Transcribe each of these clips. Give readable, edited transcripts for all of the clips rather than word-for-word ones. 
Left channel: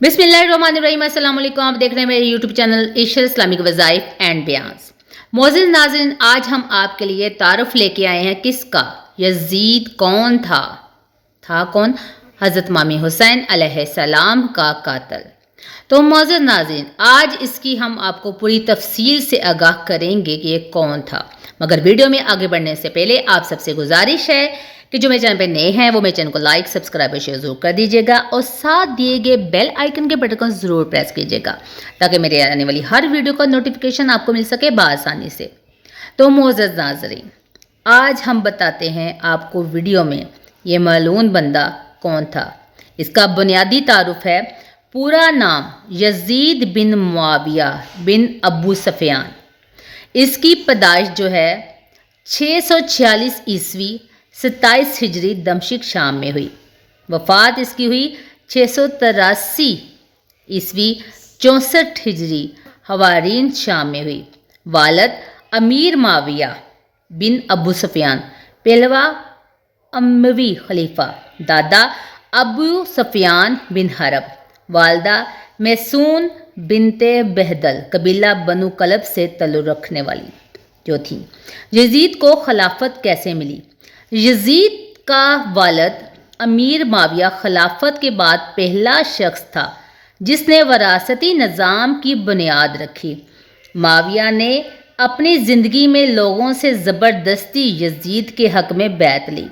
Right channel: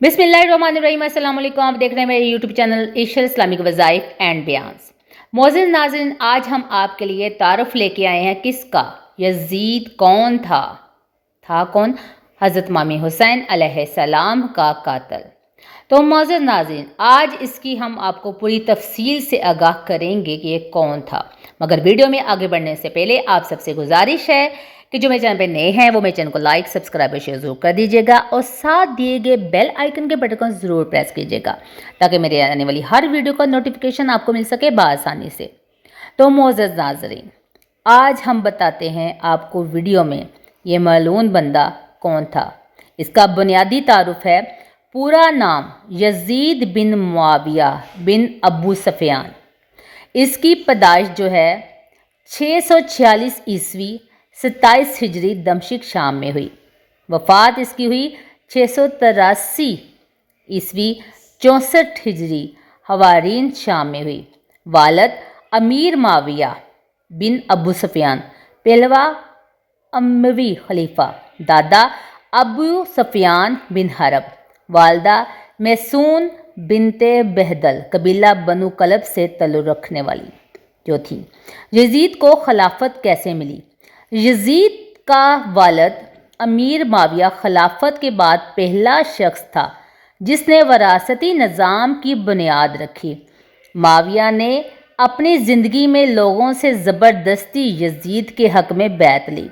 बिस्मिल्लाहिर्रहमानिर्रहीम। अस्सलाम वालेकुम। आप देख रहे हैं मेरे यूट्यूब चैनल इशर इस्लामिक वज़ाइफ एंड बयान्स। मोअज़्ज़िज़ नाज़रीन, आज हम आपके लिए तारुफ लेके आए हैं किसका। यज़ीद कौन था? कौन? हज़रत इमाम हुसैन अलैहिस्सलाम का कातिल। तो मोअज़्ज़िज़ नाज़रीन, आज इसकी हम आपको पूरी तफसील से आगाह करेंगे कि ये कौन था। मगर वीडियो में आगे बढ़ने से पहले आप सबसे गुजारिश है कि जो मेरे चैनल पे नए हैं वो मेरे चैनल को लाइक, सब्सक्राइब और शेयर जरूर कर दीजिएगा और साथ दिए गए बेल आइकन के बटन को ज़रूर प्रेस कीजिएगा ताकि मेरे आने वाली हर वीडियो का नोटिफिकेशन आपको मिल सके बआसानी से। तो मोअज़्ज़िज़ नाज़रीन, आज हम बताते हैं आपको वीडियो में ये मलून बंदा कौन था। इसका बुनियादी तारुफ है। पूरा नाम यज़ीद बिन मुआविया बिन अबू सफ़ियान। इसकी पैदाइश जो है 646 ईस्वी 27 हिजरी दमश्क शाम में हुई। वफ़ात इसकी हुई 683 ईस्वी 64 हिजरी हवारीन शाम में हुई। वालद अमीर माविया बिन अबू सफ़ियान पहलवा अमवी खलीफा। दादा अबू सफ़ियान बिन हरब। वालदा मैसून बिनते बहदल कबीला बनु कलब से तल्लुक़ रखने वाली जो थी। यज़ीद को खिलाफत कैसे मिली? यज़ीद का वालद अमीर माविया खिलाफत के बाद पहला शख्स था जिसने वरासती निज़ाम की बुनियाद रखी। माविया ने अपनी ज़िंदगी में लोगों से ज़बरदस्ती यज़ीद के हक़ में बैत ली।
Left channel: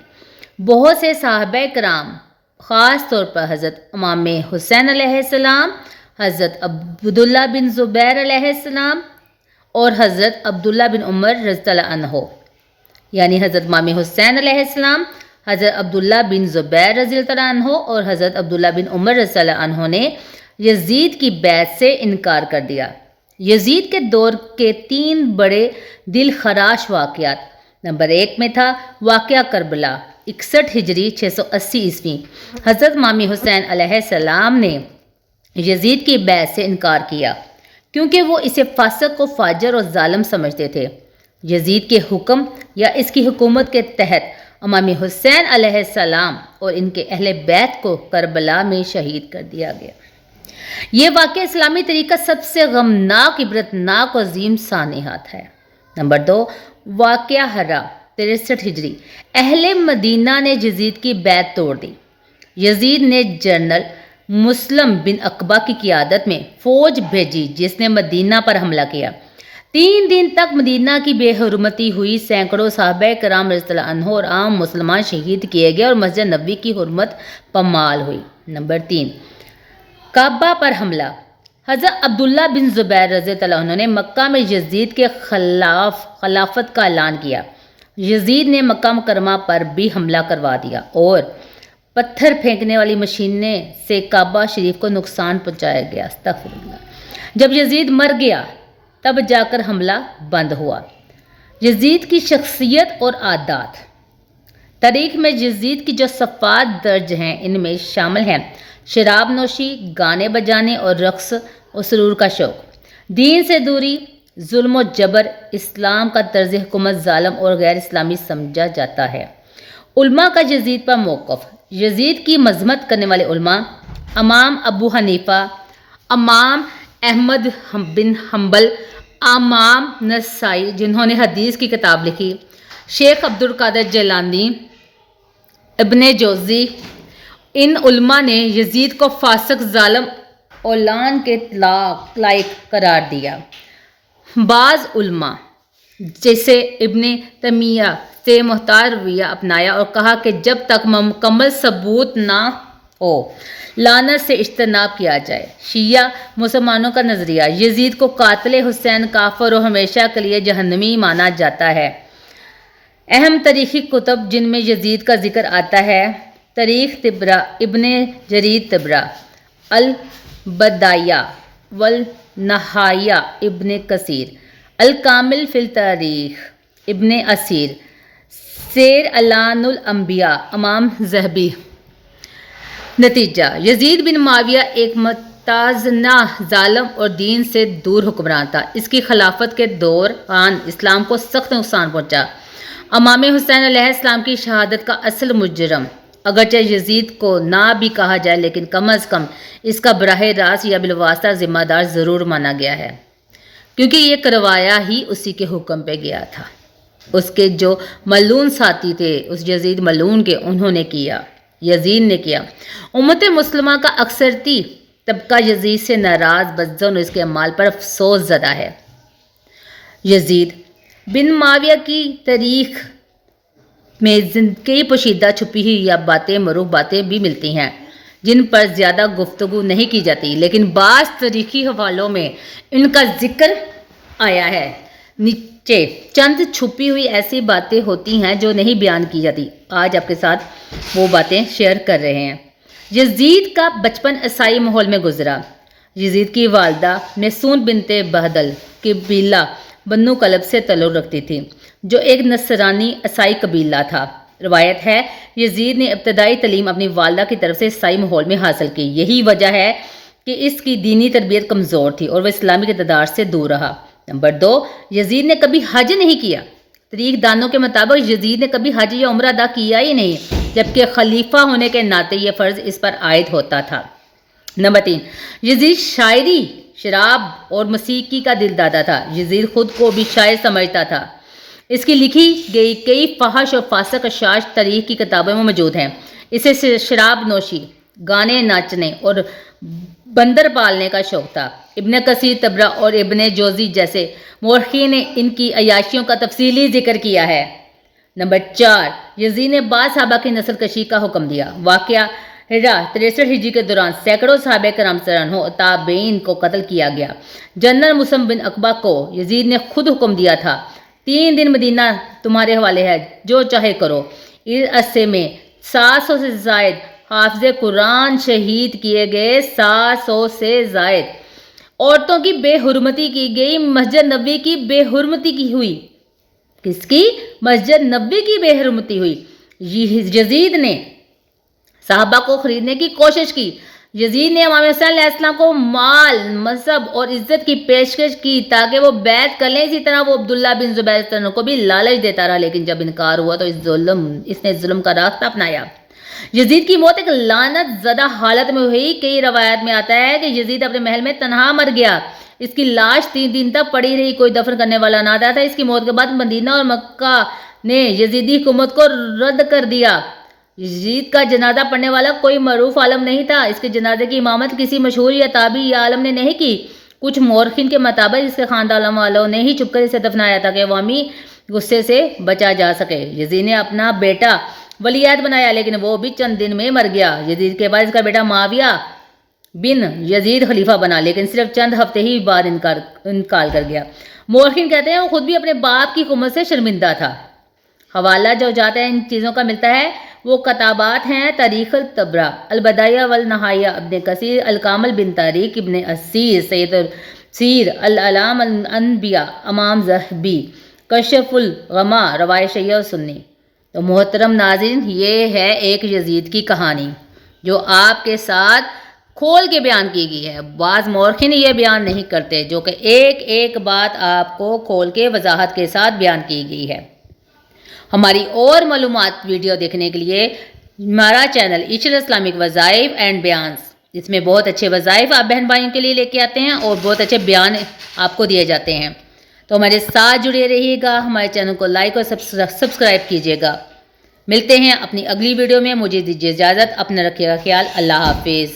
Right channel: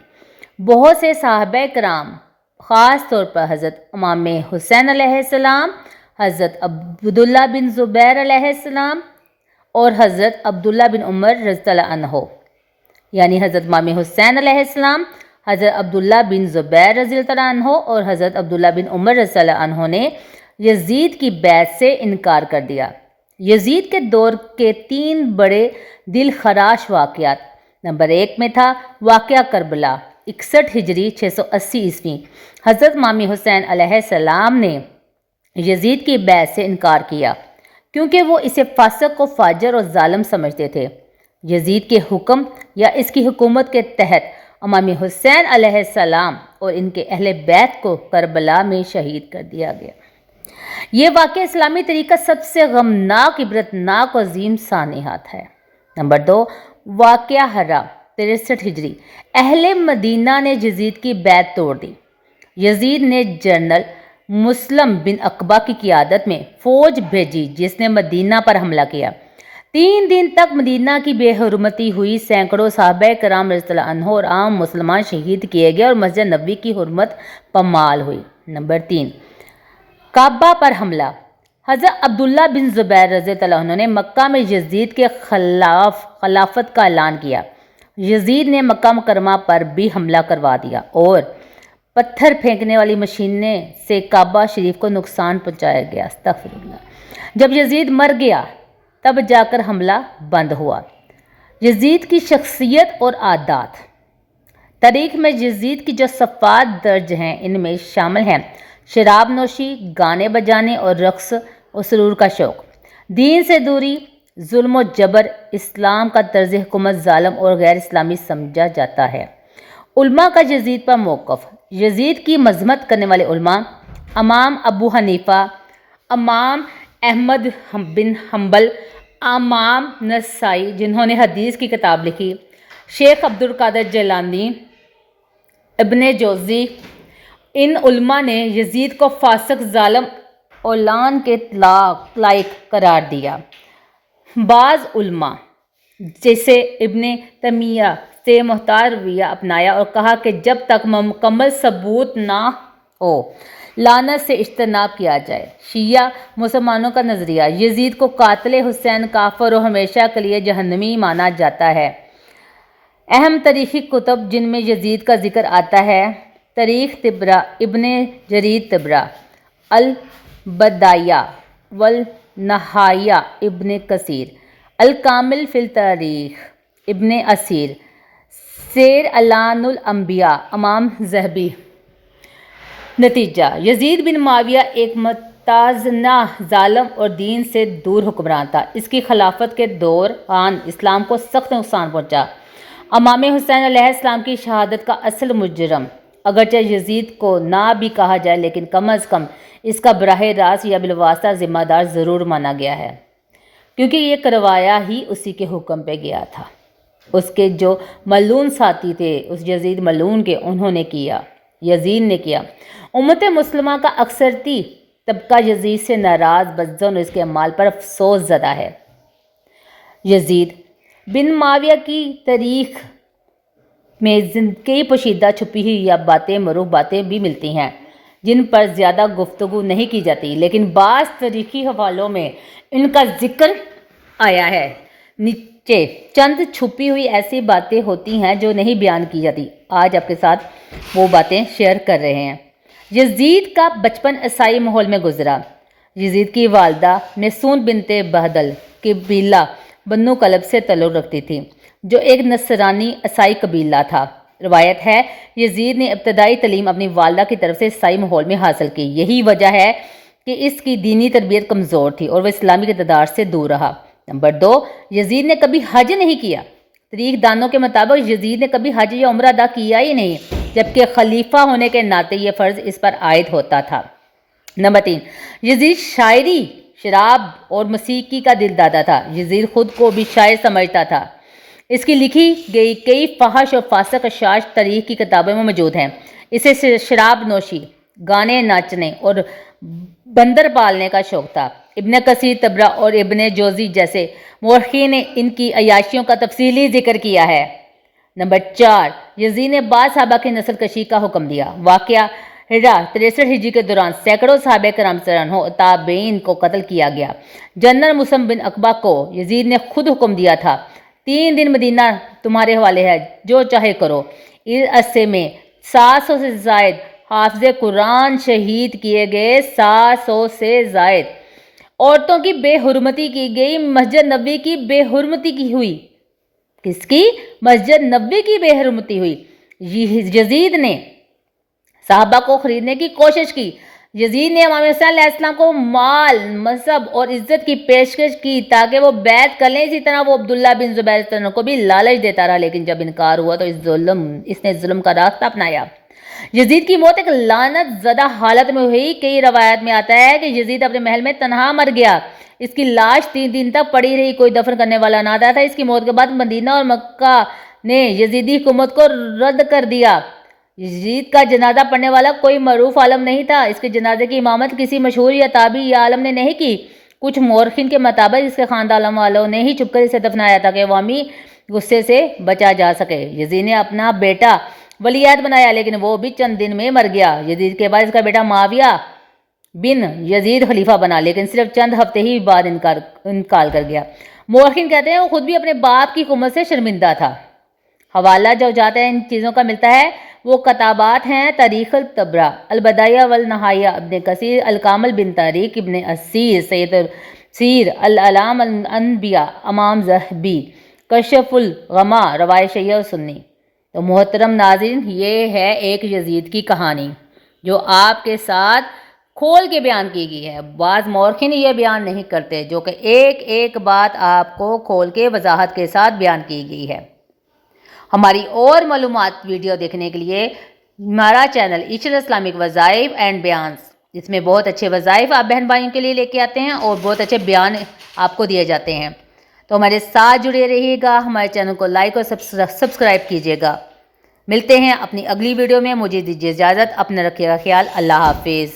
बहुत से सहाबा कराम, ख़ास तौर पर हज़रत इमाम हुसैन अलैहिस्सलाम, हज़रत अब्दुल्ला बिन ज़ुबैर अलैहिस्सलाम और हज़रत अब्दुल्ला बिन उमर रज़ियल्लाहु अन्हु, यानी हज़रत इमाम हुसैन अलैहिस्सलाम, हज़रत अब्दुल्ला बिन ज़ुबैर रज़ियल्लाहु अन्हु और हज़रत अब्दुल्ला बिन उमर रज़ियल्लाहु अन्हु ने यज़ीद की बैत से इनकार कर दिया। यज़ीद के दौर के 3 बड़े दिल खराश वाक़यात। नंबर 1 में था वाक़या करबला 61 हिजरी 680 ईस्वी। हज़रत इमाम हुसैन अलैहिस्सलाम ने यज़ीद की बैत से इनकार किया क्योंकि वो इसे फासिक व फाजिर और जालिम समझते थे। यज़ीद के हुक्म या इसकी हुकूमत के तहत इमाम हुसैन अलैहिस्सलाम और इनके अहले बैत को करबला में शहीद कर दिया गया। ये वाक़या इस्लामी तरीका सबसे गमनाक, इबरतनाक और अजीम सानिहात है। नंबर 2 वाक़या हरा 63 हिजरी। अहले मदीना ने यज़ीद की बैत तोड़ दी। यज़ीद ने जनरल मुस्लिम बिन अकबा की क़ियादत में फ़ौज भेजी जिसने मदीना पर हमला किया। 3 दिन तक मदीना की बेहुरमती हुई। सैकड़ों सहाबा कराम रज़ियल्लाहु अन्हु और आम मुसलमान शहीद किए गए और मस्जिद नबवी की हुर्मत पमाल हुई। नंबर 3 काबा पर हमला। हज़रत अब्दुल्ला बिन ज़ुबैर रज़ियल्लाहु अन्हु ने मक्का में यज़ीद के खिलाफत का ऐलान किया। यज़ीद ने मक्का मुकरमा पर भी हमला करवा दिया और पत्थर फेंकने वाली मशीनें से काबा शरीफ को नुकसान पहुंचाया गया। अस्तग़फिरुल्लाह। जब यज़ीद मर गया तब जाकर हमला बंद हुआ। यज़ीद की शख्सियत और आदात। तारीख़ में यज़ीद की जो सफ़ात दर्ज हैं इनमें शामिल हैं शराब नोशी, गाने बजाने और रक़्स और सुरूर का शौक़, दीन से दूरी, जुल्म व जबर। इस्लाम का तर्ज़ हुकूमत ज़ालिम और गैर इस्लामी समझा जाता है। उल्मा का यज़ीद पर मौक़िफ़। यज़ीद की मज़म्मत करने वाले उल्मा इमाम अबू हनीफ़ा, इमाम अहमद बिन हम्बल, इमाम नसाई जिन्होंने हदीस की किताब लिखी, शेख अब्दुल कादिर जिलानी, इब्ने जोज़ी। इन उल्मा ने यज़ीद को फासिक, ज़ालिम और लान के लायक करार दिया। बाज़ उल्मा जैसे इब्ने तैमिया से मुख्तार रवैया अपनाया और कहा कि जब तक मुकम्मल सबूत ना हो लानत से इज्तनाब किया जाए। शिया मुसलमानों का नज़रिया। यज़ीद को कातिल हुसैन, काफिर और हमेशा के लिए जहन्नमी माना जाता है। अहम तारीख़ी कुतुब जिनमें यज़ीद का जिक्र आता है तारीख़ तिबरा, इब्ने जरीर तिबरा, अल बदाया वल नहाया इब्ने कसीर, अल कामिल फिल तारीख़ इब्ने असीर, सेर अलानुल अंबिया इमाम ज़हबी। नतीजा, यज़ीद बिन मुआविया एक मुताज़ना, ज़ालिम और दीन से दूर हुक्मरान था। इसकी खिलाफत के दौरान इस्लाम को सख्त नुकसान पहुँचा। इमाम हुसैन अलैहिस्सलाम की शहादत का असल मुजरम اگرچہ یزید کو نہ بھی کہا جائے لیکن کم از کم اس کا براہ راست یا بالواسطہ ذمہ دار ضرور مانا گیا ہے، کیونکہ یہ کروایا ہی اسی کے حکم پہ گیا تھا۔ اس کے جو ملعون ساتھی تھے، اس یزید ملعون کے، انہوں نے کیا، یزید نے کیا۔ امت مسلمہ کا اکثرتی طبقہ یزید سے ناراض، بدظن اور اس کے اعمال پر افسوس زدہ ہے۔ یزید بن معاویہ کی تاریخ میں کئی پوشیدہ چھپی ہوئی یا باتیں، معروف باتیں بھی ملتی ہیں جن پر زیادہ گفتگو نہیں کی جاتی، لیکن بعض تاریخی حوالوں میں ان کا ذکر آیا ہے۔ نیچے چند چھپی ہوئی ایسی باتیں ہوتی ہیں جو نہیں بیان کی جاتی، آج آپ کے ساتھ وہ باتیں شیئر کر رہے ہیں۔ یزید کا بچپن عیسائی ماحول میں گزرا۔ یزید کی والدہ میسون بنت بہدل قبیلہ بنو کلب سے تعلق رکھتی تھی، جو ایک نصرانی عیسائی قبیلہ تھا۔ روایت ہے یزید نے ابتدائی تعلیم اپنی والدہ کی طرف سے عیسائی ماحول میں حاصل کی، یہی وجہ ہے کہ اس کی دینی تربیت کمزور تھی اور وہ اسلامی اقتدار سے دور رہا۔ نمبر 2، یزید نے کبھی حج نہیں کیا۔ تاریخ دانوں کے مطابق یزید نے کبھی حج یا عمرہ ادا کیا ہی نہیں، جبکہ خلیفہ ہونے کے ناطے یہ فرض اس پر عائد ہوتا تھا۔ نمبر 3، یزید شاعری، شراب اور موسیقی کا دل دادا تھا۔ یزید خود کو بھی شاعر سمجھتا تھا۔ اس کی لکھی گئی کئی فحش اور فاسق اشعار تاریخ کی کتابوں میں موجود ہیں۔ اسے شراب نوشی، گانے، ناچنے اور بندر پالنے کا شوق تھا۔ ابن کثیر طبرہ اور ابن جوزی جیسے مورخین نے ان کی عیاشیوں کا تفصیلی ذکر کیا ہے۔ نمبر 4، یزید نے بعض صحابہ کی نسل کشی کا حکم دیا۔ واقعہ 63 ہجری کے دوران سینکڑوں صحابہ کرام اور تابعین کو قتل کیا گیا۔ جنرل مسلم بن عقبہ کو یزید نے خود حکم دیا تھا، 3 دن مدینہ تمہارے حوالے ہے، جو چاہے کرو۔ اس عرصے میں 700 سے زائد حافظ قرآن شہید کیے گئے، 700 سے زائد عورتوں کی بے حرمتی کی گئی، مسجد نبوی کی بے حرمتی کی ہوئی۔ کس کی؟ مسجد نبوی کی بے حرمتی ہوئی۔ یزید نے صحابہ کو خریدنے کی کوشش کی۔ یزید نے امام حسین علیہ السلام کو مال، منصب اور عزت کی پیشکش کی تاکہ وہ بیعت کر لیں۔ اسی طرح وہ عبداللہ بن زبیر کو بھی لالچ دیتا رہا، لیکن جب انکار ہوا تو اس نے ظلم کا راستہ اپنایا۔ یزید کی موت ایک لعنت زدہ حالت میں ہوئی۔ کئی روایات میں آتا ہے کہ یزید اپنے محل میں تنہا مر گیا۔ اس کی لاش 3 دن تک پڑی رہی، کوئی دفن کرنے والا نہ آتا تھا۔ اس کی موت کے بعد مدینہ اور مکہ نے یزیدی حکومت کو رد کر دیا۔ یزید کا جنازہ پڑھنے والا کوئی معروف عالم نہیں تھا۔ اس کے جنازے کی امامت کسی مشہور یا تابعی یا عالم نے نہیں کی۔ کچھ مورخین کے مطابق اس کے خاندان والوں نے ہی چھپ کر اسے دفنایا تاکہ عوامی غصے سے بچا جا سکے۔ یزید نے اپنا بیٹا ولیعہد بنایا، لیکن وہ بھی چند دن میں مر گیا۔ یزید کے بعد اس کا بیٹا معاویہ بن یزید خلیفہ بنا، لیکن صرف چند ہفتے ہی بعد انتقال کر گیا۔ مورخین کہتے ہیں وہ خود بھی اپنے باپ کی حکومت سے شرمندہ تھا۔ حوالہ جو جاتا ہے ان چیزوں کا ملتا ہے وہ کتابات ہیں: تاریخ الطبرہ، البدایہ والنہایہ، ابن کثیر، الکامل بن تاریخ ابن اسیر، سید سیر، الاعلام الانبیاء، امام ذہبی، کشف الغمہ، روایت شیعہ و سنی۔ تو محترم ناظرین، یہ ہے ایک یزید کی کہانی جو آپ کے ساتھ کھول کے بیان کی گئی ہے۔ بعض مورخین یہ بیان نہیں کرتے، جو کہ ایک ایک بات آپ کو کھول کے وضاحت کے ساتھ بیان کی گئی ہے۔ ہماری اور معلومات ویڈیو دیکھنے کے لیے ہمارا چینل ایشر اسلامک وظائف اینڈ بیانز، اس میں بہت اچھے وظائف آپ بہن بھائیوں کے لیے لے کے آتے ہیں اور بہت اچھے بیان آپ کو دیے جاتے ہیں۔ تو ہمارے ساتھ جڑے رہیے گا، ہمارے چینل کو لائک اور سبسکرائب کیجیے گا۔ ملتے ہیں اپنی اگلی ویڈیو میں، مجھے دیجیے اجازت، اپنا رکھیے گا خیال، اللہ حافظ۔